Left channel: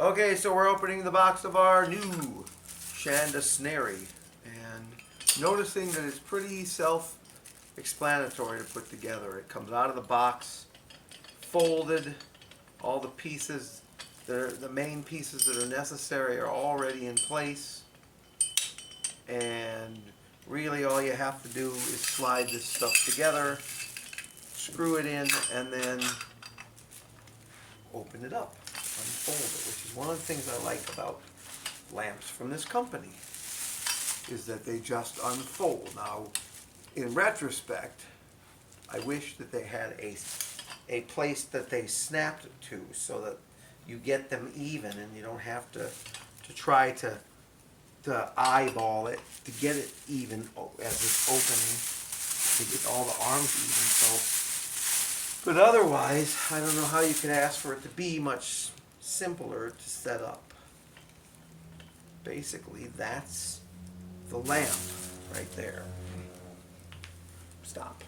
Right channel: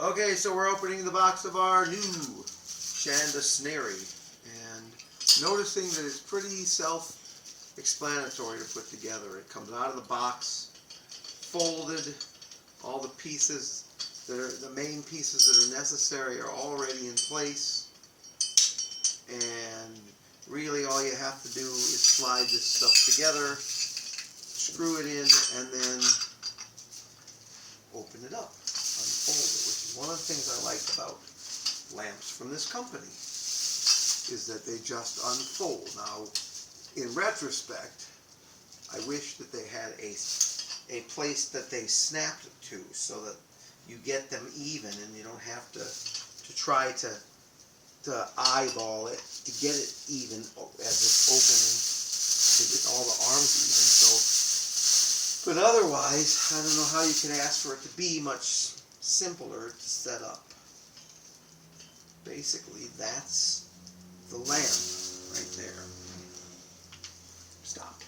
Okay, so we're opening the box of our new Shandasnary, and noticing that it's pretty self-explanatory to put together. It comes out of the box, folded, all the pieces, the main pieces that are necessary are already in place, and really all you have to do is slide this stuff together, screw it in, and then open it up, unfold it, which is one of the things I like about lamps from this company, is that they just unfold. Now, in retrospect, I wish that they had a place that they snapped to so that you get them even and you don't have to try to eyeball it to get it even as it's opening, to get all the arms even. So, but otherwise, I don't know how you could ask for it to be much simpler to set up. Basically, that's the lamp right there. Stop.